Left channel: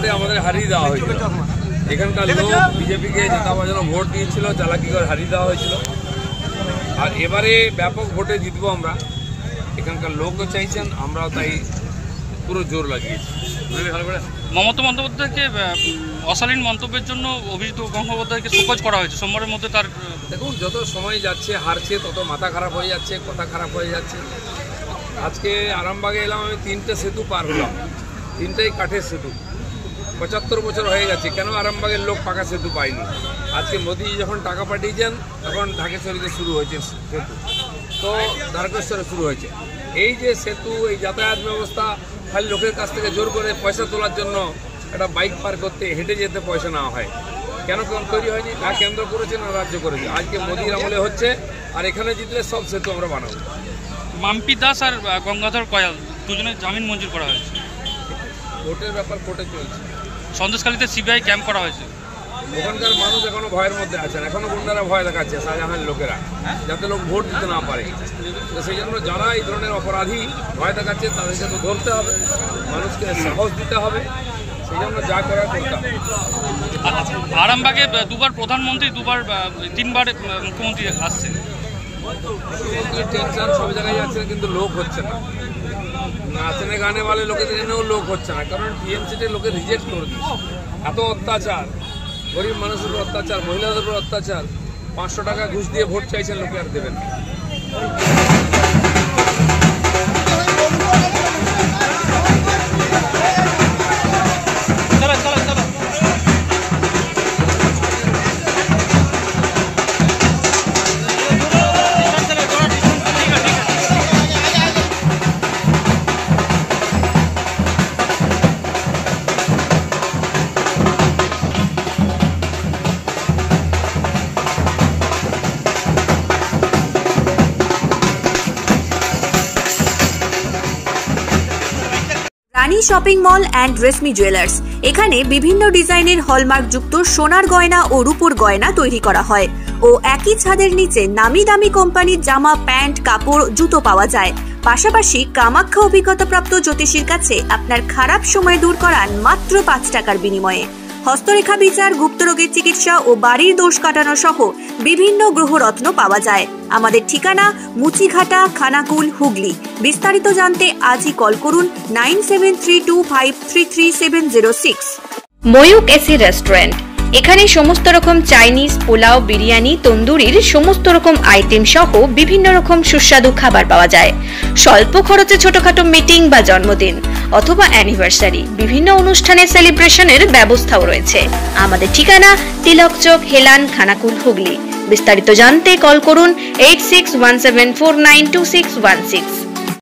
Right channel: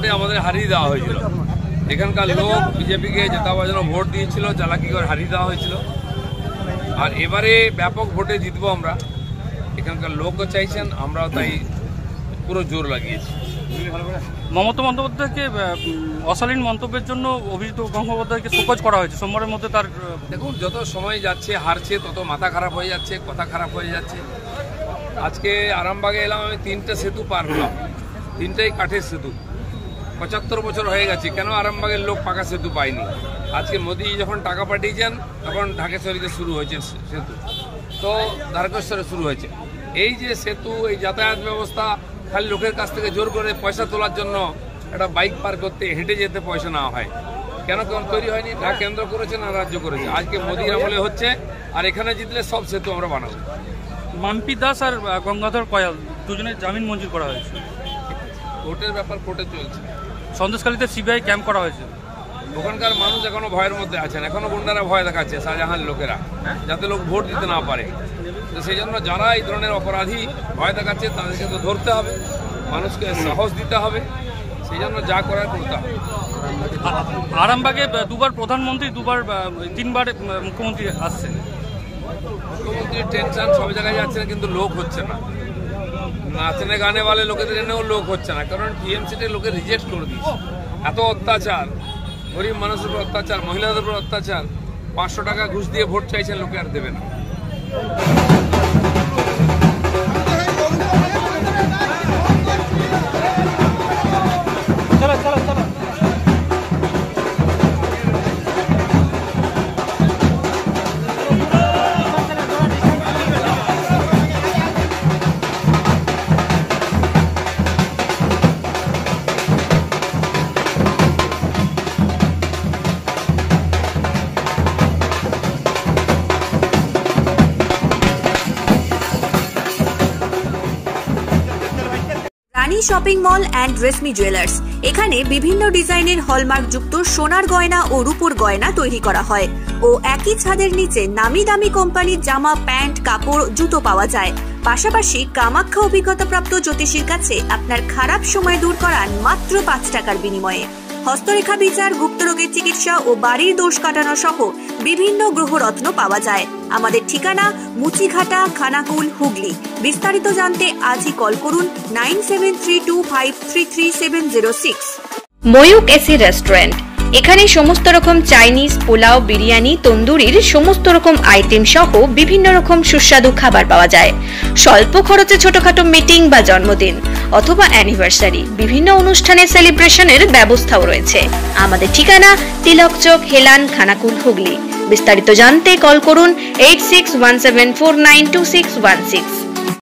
ভোটে আমাদের হারিয়ে দেওয়া হয়েছিল। এখানকার লোক বিজেপিকে জেতাবার জন্য ভোট দিয়েছিল, চালাকি করে হারিয়ে দেওয়া হয়েছিল। আর এবারে ব্যাপক ভোটে জিতবো আমরা, এখানকার লোকও চাইছেন, আমরাও তাই পুরো জোর লাগিয়েছি। মমতা বন্দ্যোপাধ্যায়কে অশালীন মন্তব্যের জন্য অভিজিৎ গঙ্গোপাধ্যায়কে শোকজ করা হয়েছে সোমবারের মধ্যে। তার দেখুন, যত সময় যাচ্ছে হারছে তত মাথা খারাপ হয়ে যাচ্ছে, কথা খারাপ হয়ে যাচ্ছে। আজকে আরামবাগে এলাম, আমি 3টে সেতু পার হলাম, 3টাই কাঠের সেতু। 75 বছর হয়ে গেছে, কেন আরামবাগের লোক পাকা সেতু পায়নি? আজকে মোদি যখন টাকা পাঠিয়েছেন তখন ঢাকেশ্বরীতে শুরু হয়েছে সেতু, তো দ্বারকেশ্বরে শুরু হয়েছে। এই যে সেতু, এই যাতায়াত ব্যবস্থা, খালি লোকের কাছ থেকে জোর করে পয়সা তোলার জন্য একটা বাইক পার করতে হেঁটে যেতে পয়সা নেওয়া হয়। কেন তৈরি হয়নি? না কেন্দ্র করেছে না রাজ্য করেছে। আজকে মোদির আমলে হচ্ছে, আর এখানে জিতলে সব সেতু আমরা বানাবো। মাম্পি দাস আর গঙ্গাধর কয়াল দুজনের জামিন মঞ্জুর করা হয়েছে। কোর্টের ব্যাপার কোর্টে চলছে। সন্দেশখালীতে সিবিআই ক্যাম্প করা হয়েছে। ওখানকার মানুষ এখনো ভয়ের মধ্যে আছেন, এখনো গুন্ডারা ভয় দেখাচ্ছে শাহজাহান লোকেরা, যাতে লোক ভোট দিতে না পারে। তো সেই জন্য যারা এই ধরনের অপরাধী ভয় দেখাচ্ছে তাদেরকে তো ধরতে হবে, মানুষকে সাহস দিতে হবে, সেই জন্য যা করার করতে হবে। আরামবাগে দুবার প্রধানমন্ত্রী, তিনবার মুখ্যমন্ত্রী আসছে। মুখ্যমন্ত্রীর টেনশন সব জায়গায় যাচ্ছে, কিন্তু লোক হচ্ছে না। নাচনে গানে वाले লোকেদের এনেও লোক হচ্ছে না, কারণ টিএমসিতে লোকে রিজেক্ট করে দিচ্ছে। এত অত্যাচার, গরিব মানুষের উপর অত্যাচার, মহিলাদের উপর অত্যাচার। 500 টাকা ঘুষ দিয়ে ভোট চাইছেন, লোকে আর দেবেন না। Shopping mall and reshmi jewellers, এখানে বিভিন্ন ডিজাইনের হলমার্ক যুক্ত সোনার গয়না ও রূপোর গয়না তৈরি করা হয় ও একই ছাদের নিচে নামি দামি কোম্পানির জামা, প্যান্ট, কাপড়, জুতো পাওয়া যায়। পাশাপাশি কামাখ্যা অভিজ্ঞতাপ্রাপ্ত জ্যোতিষীর কাছে আপনার খারাপ সময় দূর করান মাত্র 5 টাকার বিনিময়ে। হস্তরেখা বিচার, গুপ্তরোগের চিকিৎসা ও বাড়ির দোষ কাটানো সহ বিভিন্ন গ্রহরত্ন পাওয়া যায়। আমাদের ঠিকানা মুচিঘাটা, খানাকুল, হুগলি। বিস্তারিত জানতে আজই কল করুন 9732533706। ময়ূক এসি রেস্টুরেন্ট, এখানে সমস্ত রকম চাইনিজ, পোলাও, বিরিয়ানি, তন্দুরির সমস্ত রকম আইটেম সহ বিভিন্ন রকম সুস্বাদু খাবার পাওয়া যায়। স্বল্প খরচে ছোটখাটো মিটিং বা জন্মদিন অথবা অ্যানিভার্সারি, বিভিন্ন অনুষ্ঠানের সেলিব্রেশনের ব্যবস্থাও রয়েছে। আমাদের ঠিকানা তিলক চক, হেলান, খানাকুল, হুগলি। বিস্তারিত জানতে কল করুন 8617492616।